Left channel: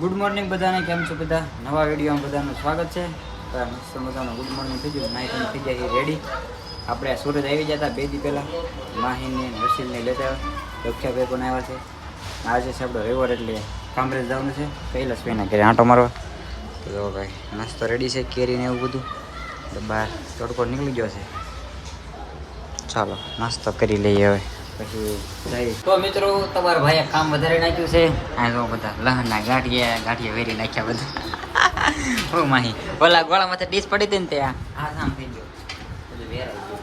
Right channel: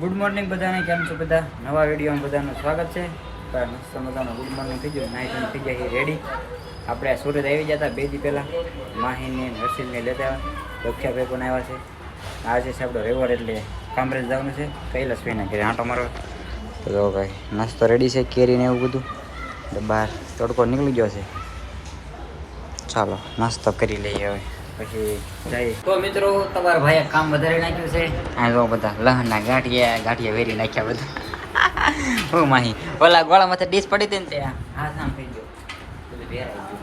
Good morning બધાને, કેમ છો બધા? નવા વિડીયોમાં બધાનું સ્વાગત છે. તો મસ્ત મજાનું ગુડ મોર્નિંગ થઈ ગયું, નાઇટ થઈ ગયા છે રેડી. આપણે સુરત આવી ગયા હતા 2 દી પહેલાં, માહીને હર્ષિલને લેતા દક્ષાભાઈ પણ આવ્યા છે. આજે છે આપણો રવિવાર એટલે કામરેજ જવાનું છે, કૈલાસભાઈના ઘરે આંટો મારવા. તો જો ભાઈ નાસ્તો રેડી છે, કેરીને એવું બધું, એટલે બહાર તડકો નીકળી ગયો છે. ચાલો નાસ્તો કરી લઈએ હવે, પછી જાય. તો મિત્રો, તમારા ભાઈએ કામ વધારે નાખ્યું છે. આ જો બધા લહણના ગાંઠિયા વેરી નાખ્યા બધા. હું માહી ઓલા ગોળા માથે ડીશ પડી હતી ને ત્યાં હા કામ થઈ ગયું, બધું વેરાઈ ગયું.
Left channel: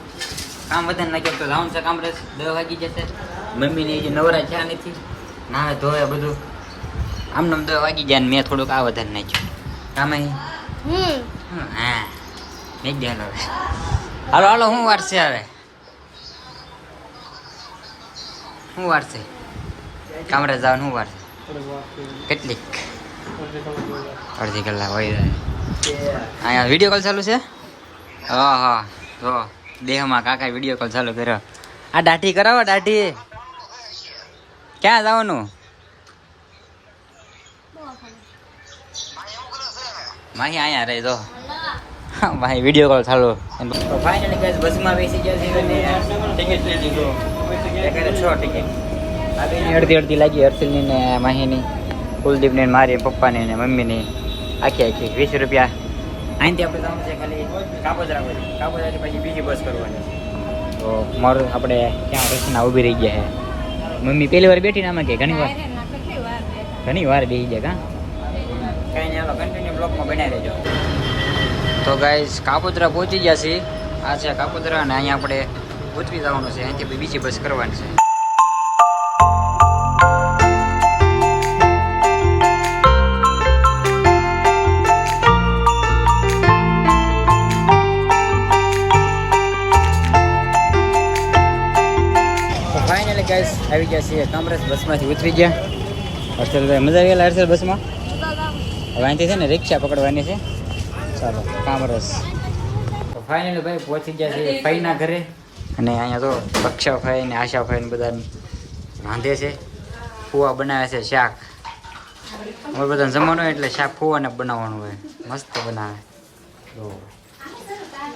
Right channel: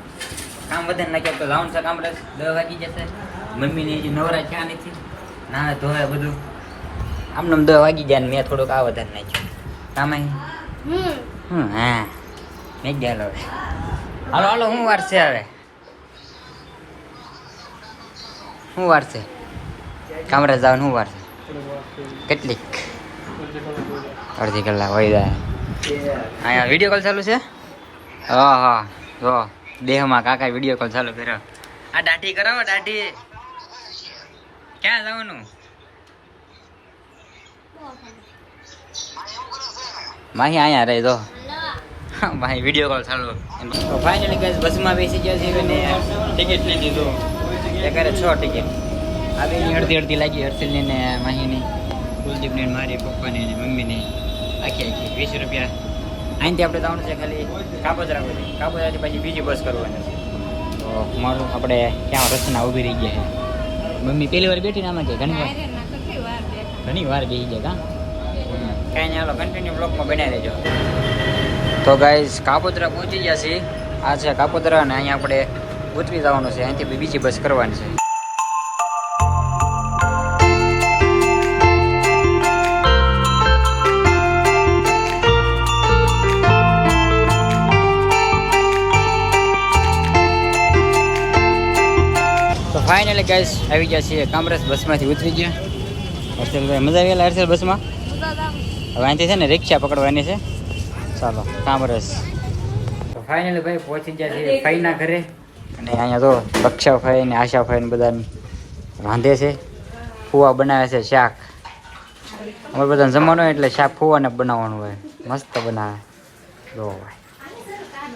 કામ વધારે નાખ્યા તો જવાનું છે કામરેજ. 10 વાગી જશે. મમ્મીની જે નવરા છે નથી, ના ધોવે બધું આમને 10 વાગી જાય ને મેં થોડુંક આ વધારે નાખ્યું. કામ હા મેં જ હાલો હાલો હાલો. શું વાર છે હવે? શું વાર છે કામરેજ જવાનું? શું વાર છે? કેટલીક? અડધી કલાક હોય જાય. અહીંયા વિડીયો કોલ ચાલુ છે. હા હા જો દેહમાં કાકા વિડીયો કોલ ચાલુ કર્યો. આ દાઢી કરાવો, દાઢી. ક્યાં જવાનું? માહી અહીંયા રહી જો માહી વિડીયો કોલ ચાલુ. તો ફાઇનલી ગાઈસ બસમાં બેસી ગયા છે અને ટિકિટ લઈ લીધું. એકારે 6 ટિકિટ આવી. અડધી લાગી હર્ષિલની ને માહીની, કુલદીપની, મારી, પપ્પાની ને મમ્મીની. આખી 20 રૂપિયા. અહીંથી આપણે જવાનું છે ખાલી કાપોદ્રા સુધી. કાપોદ્રાથી પછી બીજી બસ કરવાની છે. તો મારું આપણે ત્યાં રસ્તાના ઊભી રહી ગયા છે. મમ્મી પહેલી વાર બેઠી ને આમાં કે ઘણી વાર બેસી જાય. કાંઈ નહીં, હાલો કન્ટિન્યુ બ્લોકમાં બનાવી લેજો. તો ગાઈસ કાપોદ્રા પહોંચી ગયા છીએ. આ છે કાપોદ્રા અને અહીંયા આપણે ઉતરી જવાનું છે. અહીંથી બીજી બસ કરવાની છે. ફાઇનલી ગાઈસ આવી ગયા છીએ કામરેજ. બસમાંથી ઉતરી ગયા. હર્ષલભાઈ મજા આવી ગયેલા હર્ષલ બસમાં? હવે અહીંથી છે ને રિક્ષા પકડવાની છે. ચાલો કામરેજ. તો ફાઇનલી ભાઈ પહોંચી ગયા છીએ ફઈના ઘરે. અને અહીંયા તો દક્ષાભાઈ ને આશાભાઈ ને બધા રાંધે છે. ફુવા બનાવે છે શાક. અમારે બધાને જમવાનું હોય એટલે શાક ફુવાને બનાવવાનું હોય. મસ્ત બનાવે. જો ભાઈ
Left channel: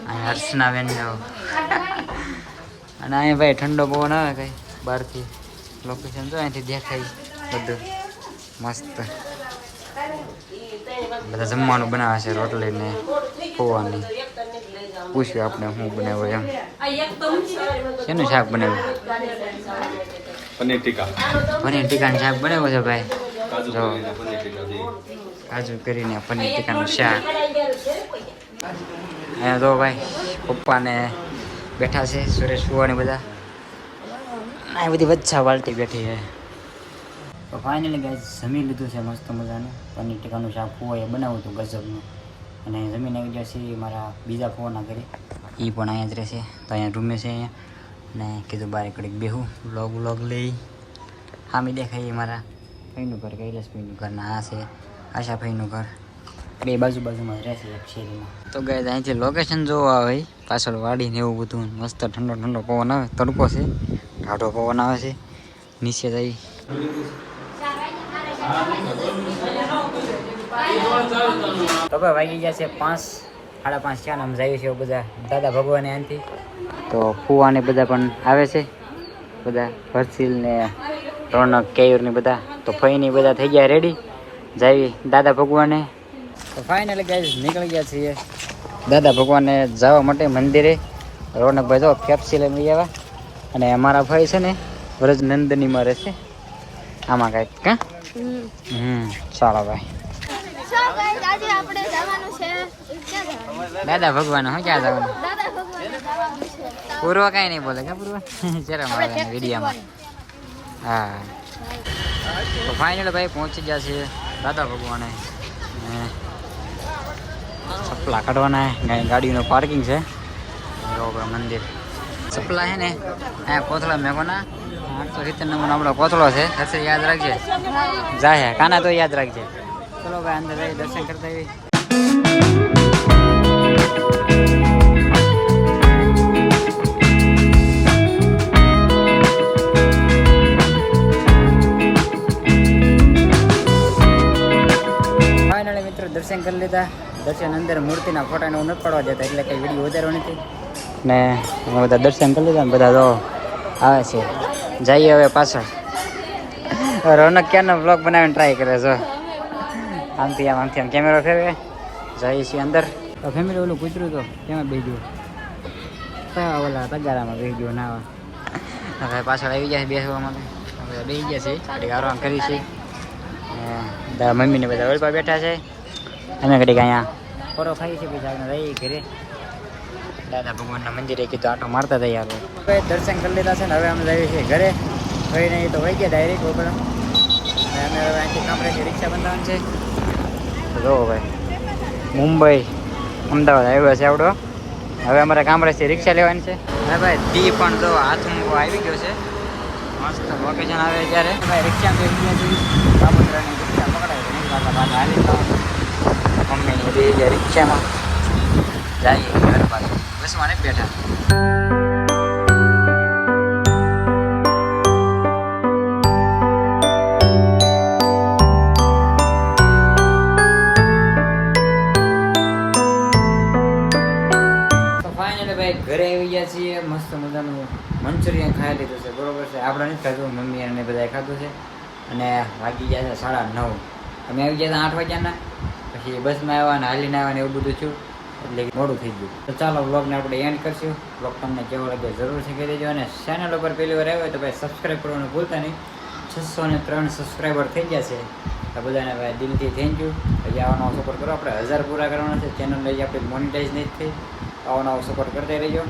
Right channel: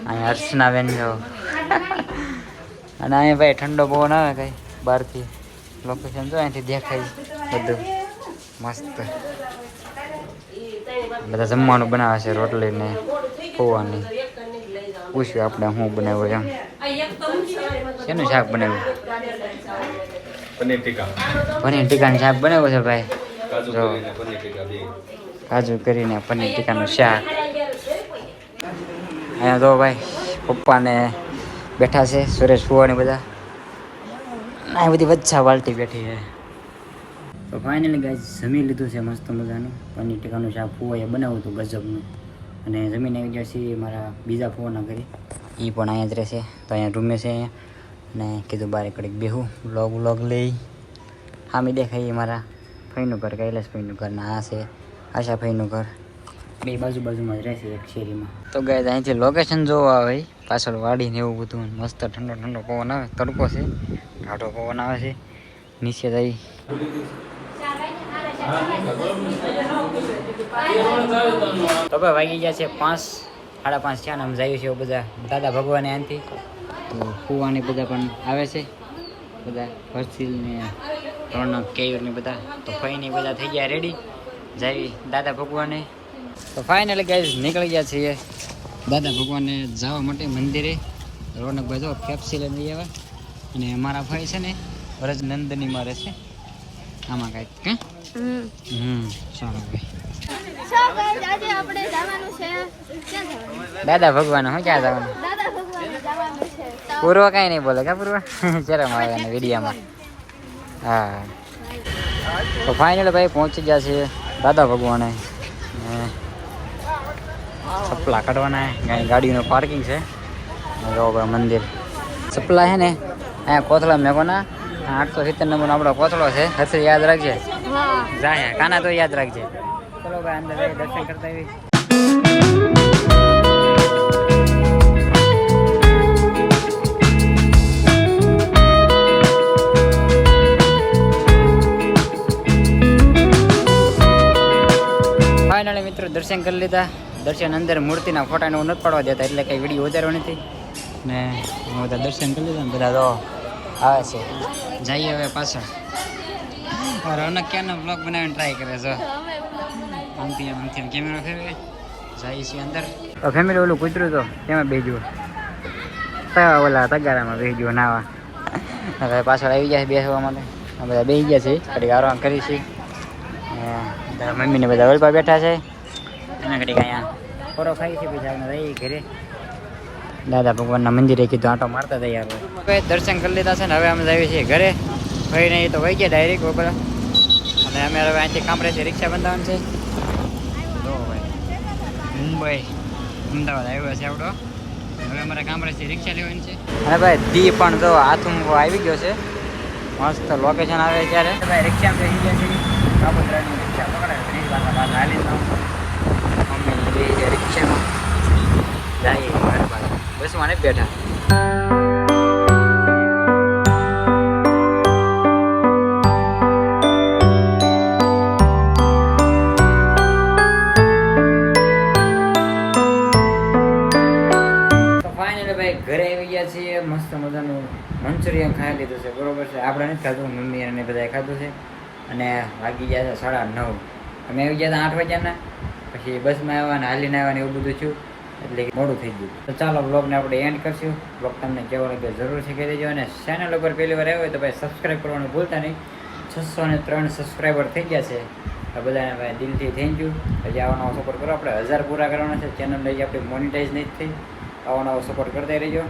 અહીંયા હર્ષના બેન જો. અને અહીંયા ભાઈ ઠંડો પવન આવે કઈ બહારથી. લોકેશન જો અહીંથી દેખાય બધું મસ્ત. બધા જમવાનું બનાવે છે, રોટલી ને ખોવાની. પૂછ્યું આપણે શું બનાવ્યું એમ. શેનું શાક બનાવ્યું? પનીર ટીકાનું શાક બનાવ્યું છે ભાઈ. જો કાજુ કરીને પનીર ટીકાનું શાક. અહીંયા તો ભાઈ પપ્પાને બેઠા છે, સુરેશ ફુવાની બધા. આ બધી વચ્ચા વાલટી બેઠી છે. તો ફાઇનલી ગાઈસ જમી લીધું છે મસ્ત મજાનું. પનીર ટીકાનું શાક ફુવાએ બનાવ્યું હતું ગજબનું. અને જમીન આવી ગયા છીએ મારા બીજા ફુવાના ઘરે. એ પણ અહીંયા જ રહેશે. તો અહીંયા રૂમે છે અહીંયા. અને કીધું બારે કડીક બેહું વ્લોગ લઈ. હામી દેખાય મારા ફઈનું ઘર, કૈલાસભાઈનું ઘર. ને આ છે આશાભાઈનું ઘર. બે બાજુમાં જ રહેશે એક શેરીમાં. તો ગાઈસ અહીંથી લોકેશન જોવા આવે પાછળ વાડી ને એવું બધું. મસ્ત ઠંડો પવન આવે. તડકો છે, ટાઢો પવન આવે છે. નીચે જઈ તો ભાઈ વાગી ગયા છે 5, 5:30 છે. આમ જાય છે બધા દાદા ભગવાને આનથી. તો ફુવાને બધા પણ આવે છે, બધા હર્ષિલ ને રોનક કેયુર ને બધા. તો ફઈની બધા થઈ ગયા રેડી જાય દાદા ભગવાને. તો ફાઇનલી ગાઈસ નીકળી ગયા છીએ દાદા ભગવાને જવા માટે મંદિરે. રોનકભાઈ જો ફેપ્સી લઈ આવ્યા. અને અમારા ભાઈ છે ને વ્રજ નંદનીમાં રહેશે આમાં કાંઈક. કા ચાલો ભાઈ. આજે આપણે જવાનું છે. ક્યાં જવાનું? દાદા ભગવાન. હું ક્યાં જવાનું? દાદા ભગવાને જવાનું છે. પૂર્વ કાંઈ નહીં બોલે. કા પૂર્વ ક્યારે મળે વિડીયામાં? હા. તો ફાઇનલ ભાઈ પહોંચી ગયા છીએ દાદા ભગવાને. ચપલા કાઢવાના. ગાડીનું પાર્કિંગ છે. જો ભાઈ મંદિર. ચપલા છે ને અહીંયા કોથળા મેકોના. 870 નંબરનો આપણો કોથળો છે. હશે યાદ રાખજે. જાય કાના તો યાદ રાખજે. ચલો ભાઈ અંદર દર્શન કરતા આવી. ફાઇનલી મિત્રો દર્શન કરી લીધા. દર્શન અંદર મૂર્તિના ફોટાને હું નથી પાડવા દેતા એટલે કંઈ વિડીયો વધારવો નથી. ને અમે બધા દર્શન કરી લીધા ને બધા જો આવે છે. જઈએ હવે પાછળ. રોનક ક્યાંનો બ્લોગ બનાવીને ટ્રાય કરે છે. આમથી આમ કેમેરો ફેરવે. જઈએ છીએ અંદર. ફેમિલી ઓલું કૂતરું તો તેમાં બેજ્યું. ઓલા તગારામાં બેસી ગયો નાવા. હવે પાછળ આવી ગયા છે બેસવા માટે. બધા બેસી ગયા છે ઘડીક આરામ કરી છે. મમ્મીને બધા ઓલપા બેઠા છે. અમે ઘડીક અહીંયા ફોરો ખાઈ છે પછી આગળ રહી ઘરે. દાદા ભગવાનના મંદિરે કીધું આંટો મારતા જઈએ આપણે. હવે દર્શન કરી લીધા છે ને હવે અમે જઈએ છીએ ઘરે. ભાઈ નહીં તો વહી ગયા ડાયરેક્ટ બપોર. અને અમે હવે અહીંથી કામરેથી રિક્ષા બંધાવાનું છે. જો ભાઈ મુંબઈ અમદાવાદ આવ્યો છે આવડો. હવે અમારે કામરેથી રિક્ષા લેવાની છે. અને ભાઈ દી પણ જો હાથમાં આવી ગયો છે. મસ્ત લોકેશન આવે ત્યારે ભાઈ રિક્ષામાં બેસી ગયા છે. કાબોદરાની રિક્ષા પકડાય છે. એક બાજુ હાલી જાઉં મમ્મીની બે જાય રિક્ષામાં જાય ઘર બાજુ બસમાં નથી બેઠા. ઘરે આવી ગયા છીએ. મસ્ત મજાનું મંચુરિયન ખાઈ લીધું છે બરોબર છે. આપણે નથી ખાધું મમ્મી અને બધાએ ખાધું છે. અને વાગી ગયા છે 9:30. અમે આવી ગયા હતા 8 વાગ્યાના. પછી બસમાં આવ્યા અને હાલીને આવ્યા ને એવું બધું થયું એટલે મોડું થઈ ગયું. તો ચાલો બ્લોગને આપણે એન્ડ કરશું. બ્લોગ તમને કેવો લાગ્યો જરૂર છે કહી દેજો. અને ચેનલ ઉપર પહેલી વાર આવ્યો હોય તો ભાઈ સબસ્ક્રાઈબ કરવાનું ભૂલતા નહીં. 603 સબસ્ક્રાઈબર થઈ ગયા છે. આ બધાને ભાઈ દિલથી થેન્ક યુ. હજી આવો નવો સપોર્ટ કરો. આપણે 1000 પૂરા કરવાના છે. ચેનલ લઈ આપણી મોનિટાઈઝ નહીં થઈ. આવો નવો સપોર્ટ કરતા રહેજો.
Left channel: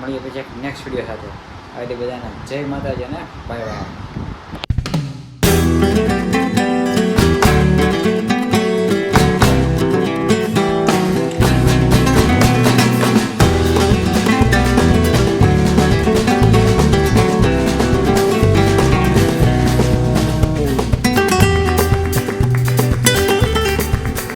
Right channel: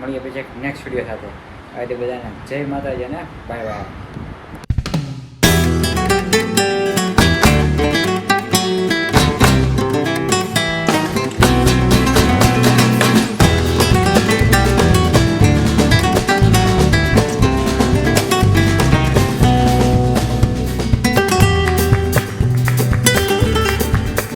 મળીએ પછી નેક્સ્ટ વિડીયો સાથે. આવી બધાને જય માતાજી અને બાય બાય.